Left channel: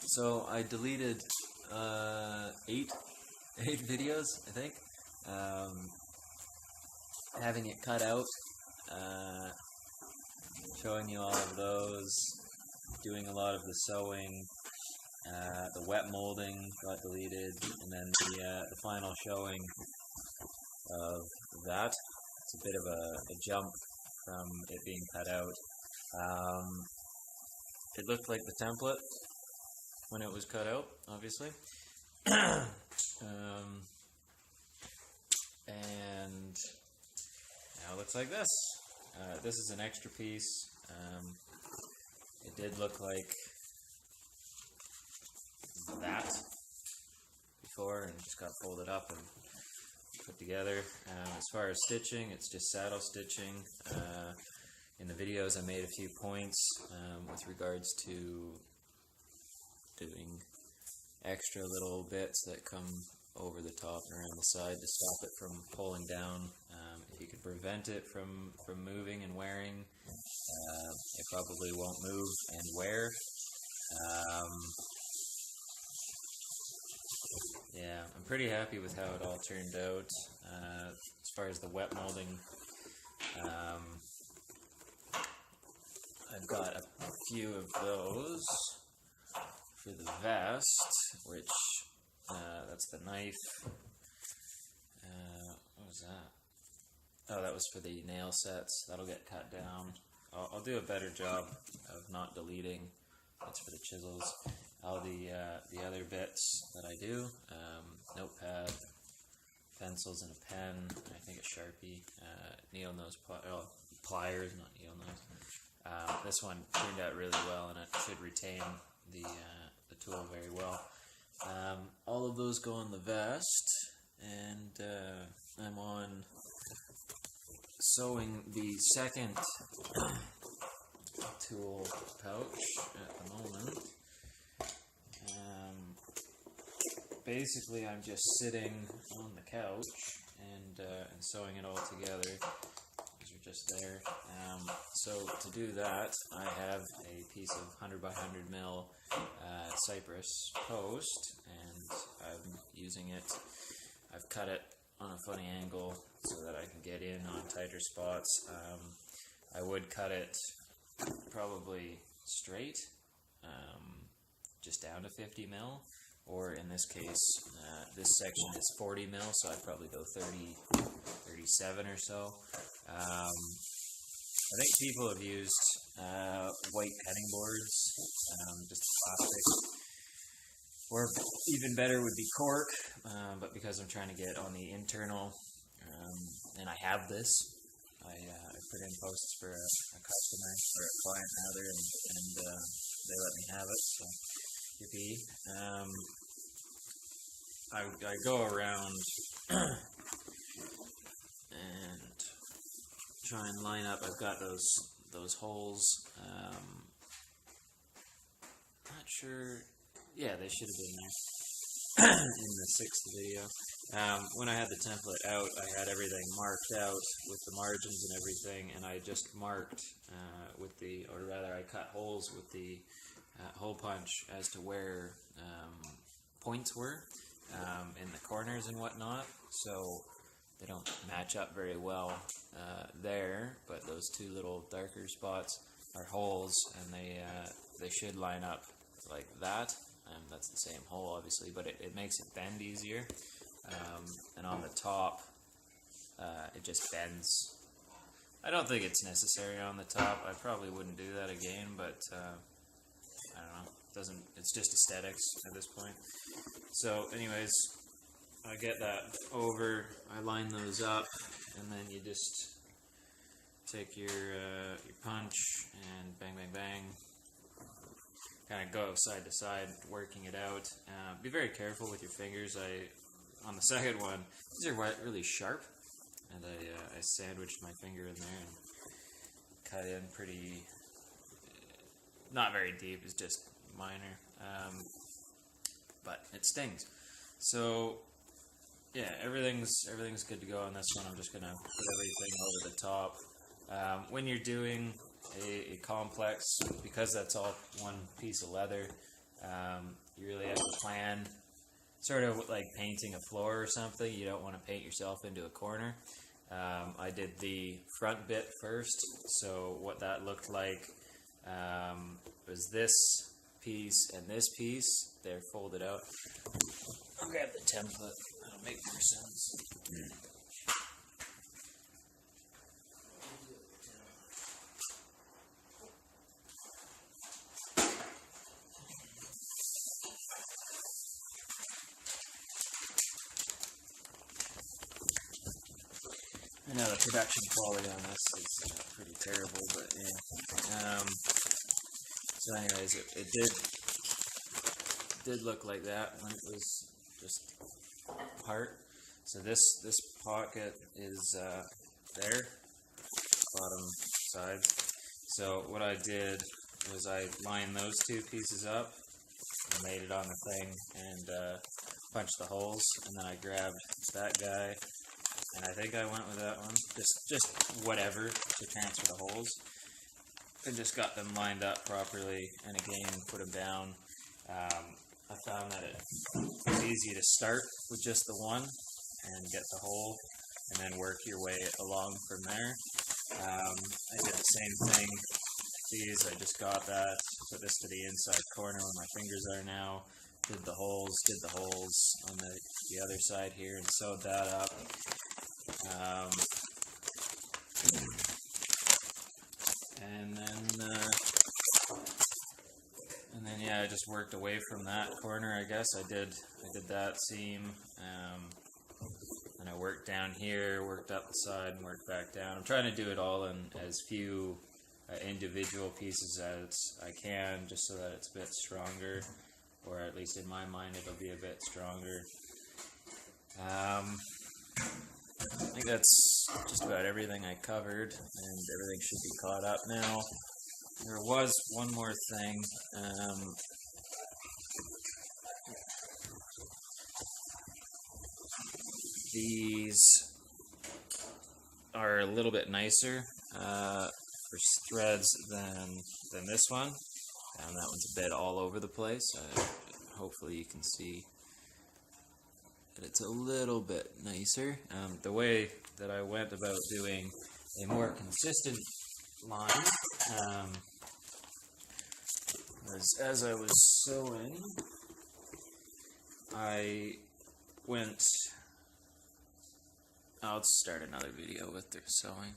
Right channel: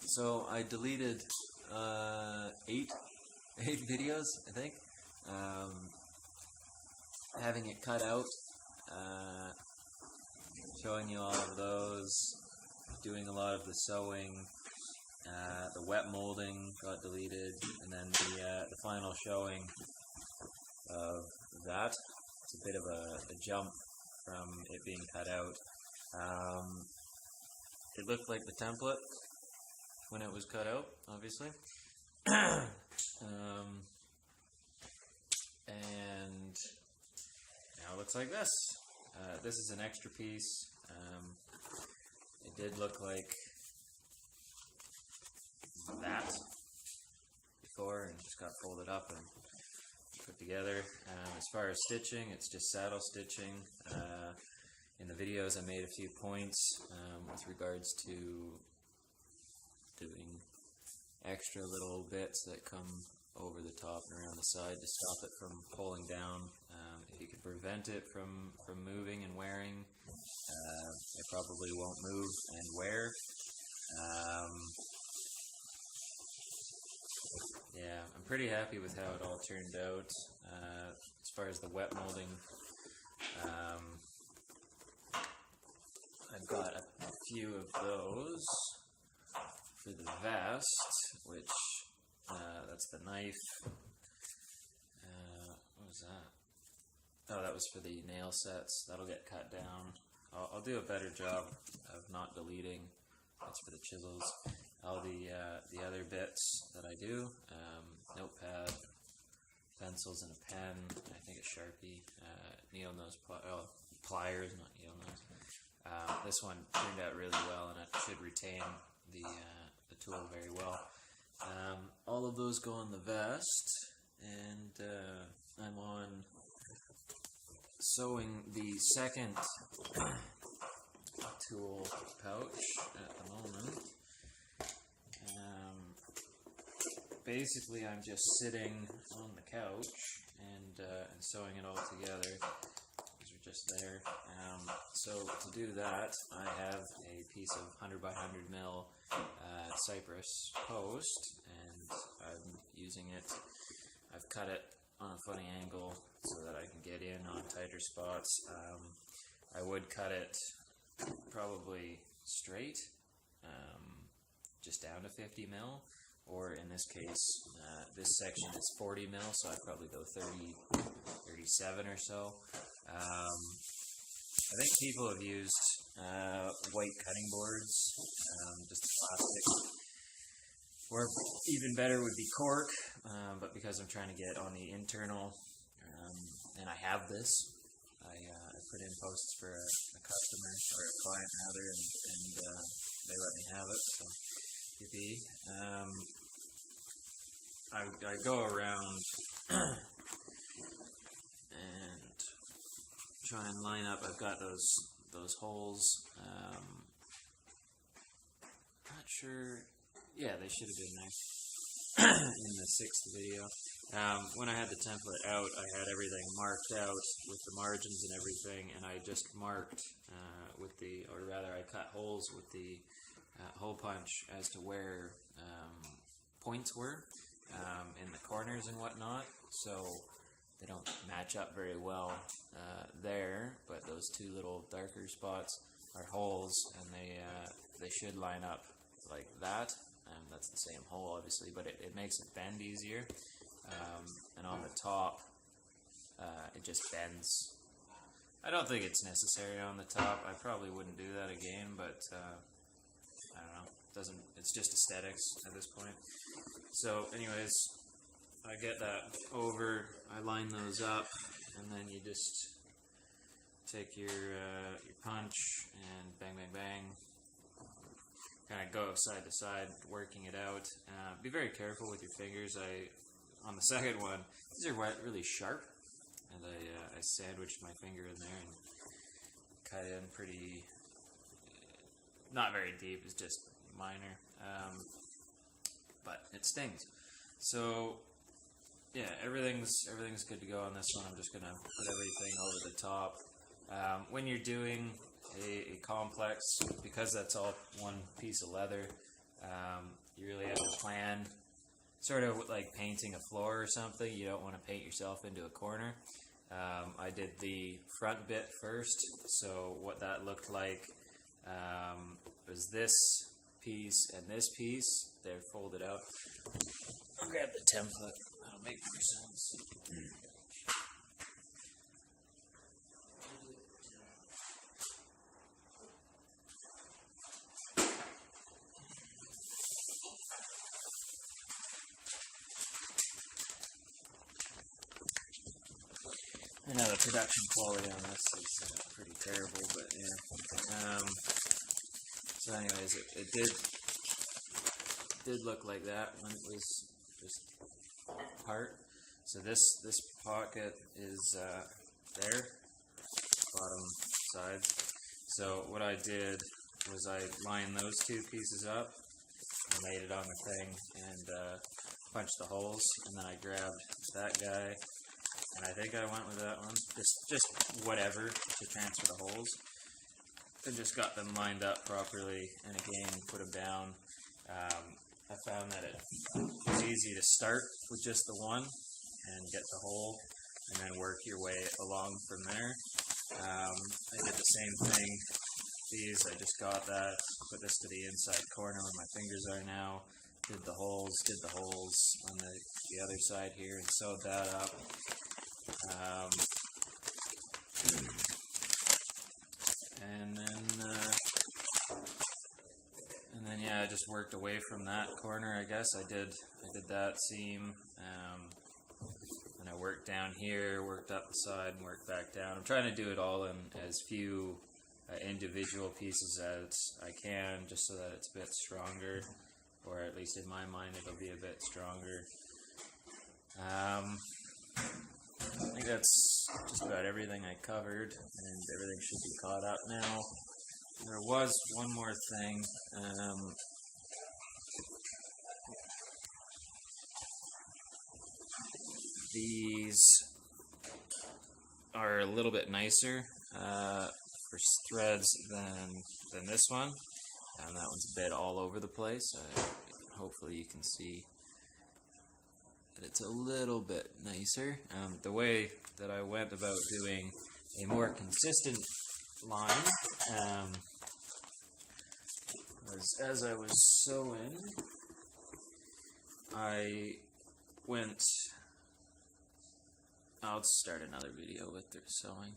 So I deleted eight videos, I think. Having it cut out, showing you all of those, doing a lot of the sewing, the wet molding got deleted, and then the final showing of that. It's a bit of a jump from it being cut out. It looked like the template when it was cut out, obviously. And now it looks like this. This is an extra piece. It did look like that before and just got folded up and put together. As far as stitching, it's just saddle stitching. In the videos I made a few points with regards to doing extra little bits that come over the top and around the side to stop it from pulling down. If you can prevent it from moving and wearing, it probably won't move and wear. Yeah, I'm pretty happy with how it all turned out. As far as the wet molding, I've got a few of those for the vest, which that's the knife. What was that? Oh, that was for the nail sets. That'll get cut down. I'll do a better job of not deleting. That's for the chisels. All the other bits that I do, notepad, pencils and a pen, I think a Sharpie, needle nose pliers, not needle nose. This one turned out really well, and it should retain the tool very well. All of those go on the vest, and I'm on sewing the second tool pouch at the moment. Basically, I'm just sitting on the couch and sewing it all together. These are just there. So to do that, I have a piece of 100 by 100 mil cypress post, and I'm using it. I've cut it on a funny angle so that I can get in on tighter spots. I would cut it probably straight, just down to 50 mil, or in this case, this section is 40 mil, so I'd probably go 30, 37 or so. I think people have used white cutting boards, just plastic, or even better would be cork, but because I'm trying to get on the internal, and I have this, I put in posts for a customer, or a client rather, and they let me have it, so yippee. I go around and try and line up. I've got those holes. Not sure. Yeah, they should have been there in the 6th video. When I had the template out, I had everything marked out with the margins and everything, and I just marked or rather I cut holes with the hole punch as to where points were in the corners and whatnot, so they don't match up very well there, but those two little darker spots are holes, and they should line up like that. That's the same hole, obviously, but it makes it bend easier. And on the top, it just bends. I don't think it's necessary on the top. I probably wouldn't do that again, but I don't know. It's just aesthetics at this point. So, anyways, I get that over. I line those up, and then you just take your punch and bang, bang, bang. Kind of go side to side, working it out. Be very careful with your fingers. On the second one, these are really sharp, and I sandwiched my finger in there and cut in pretty, not very deep, it's just minor, but it stings. So yeah, everything's good to go on this one. I'm just gonna put everything over the top. When you're doing a complex, because that's all one piece of leather, You really have to plan, sort of like painting a floor or something. You don't want to paint yourself into a corner. I did the front bit first, so what that looked like was this piece and this piece. They're folded out. I'll grab the template. That'll make more sense. I know the production quality on this is pretty terrible, but yeah. So anyways, it did look like that when it was just apart. So this pocket is there, bottom side. So what I did was I lined those two pieces up and laid it on the thing and punched the holes, and then I grabbed that guy. And I think I went with that one, just whatever to transfer the holes. And just got them lined up properly, and again, put them down. I found that it was easy to start with just the one and get the hole, and then work your way along from there. I did the same thing. These, I just got that, put this to the inside corner where my fingers are now. Did the holes on the other side here, and sewed that up. And then yeah, I just worked away from that corner. I guess I did that seam, and I worked down here, worked up the side, and worked back down. I'm trying to do it all in as few individual pieces as I can, just so that it's a bit stronger, or at least in my mind it'll be a bit stronger. I think that's just about everything I covered, and everything should be caught up now. There was one more thing. These are a little bit nicer for threads than this one. That one's a bit all over the place. Hopefully you can see that it's a little bit nicer. The way that I went about doing a more consistent line was, as I was sewing, I'll start another video with the sewing.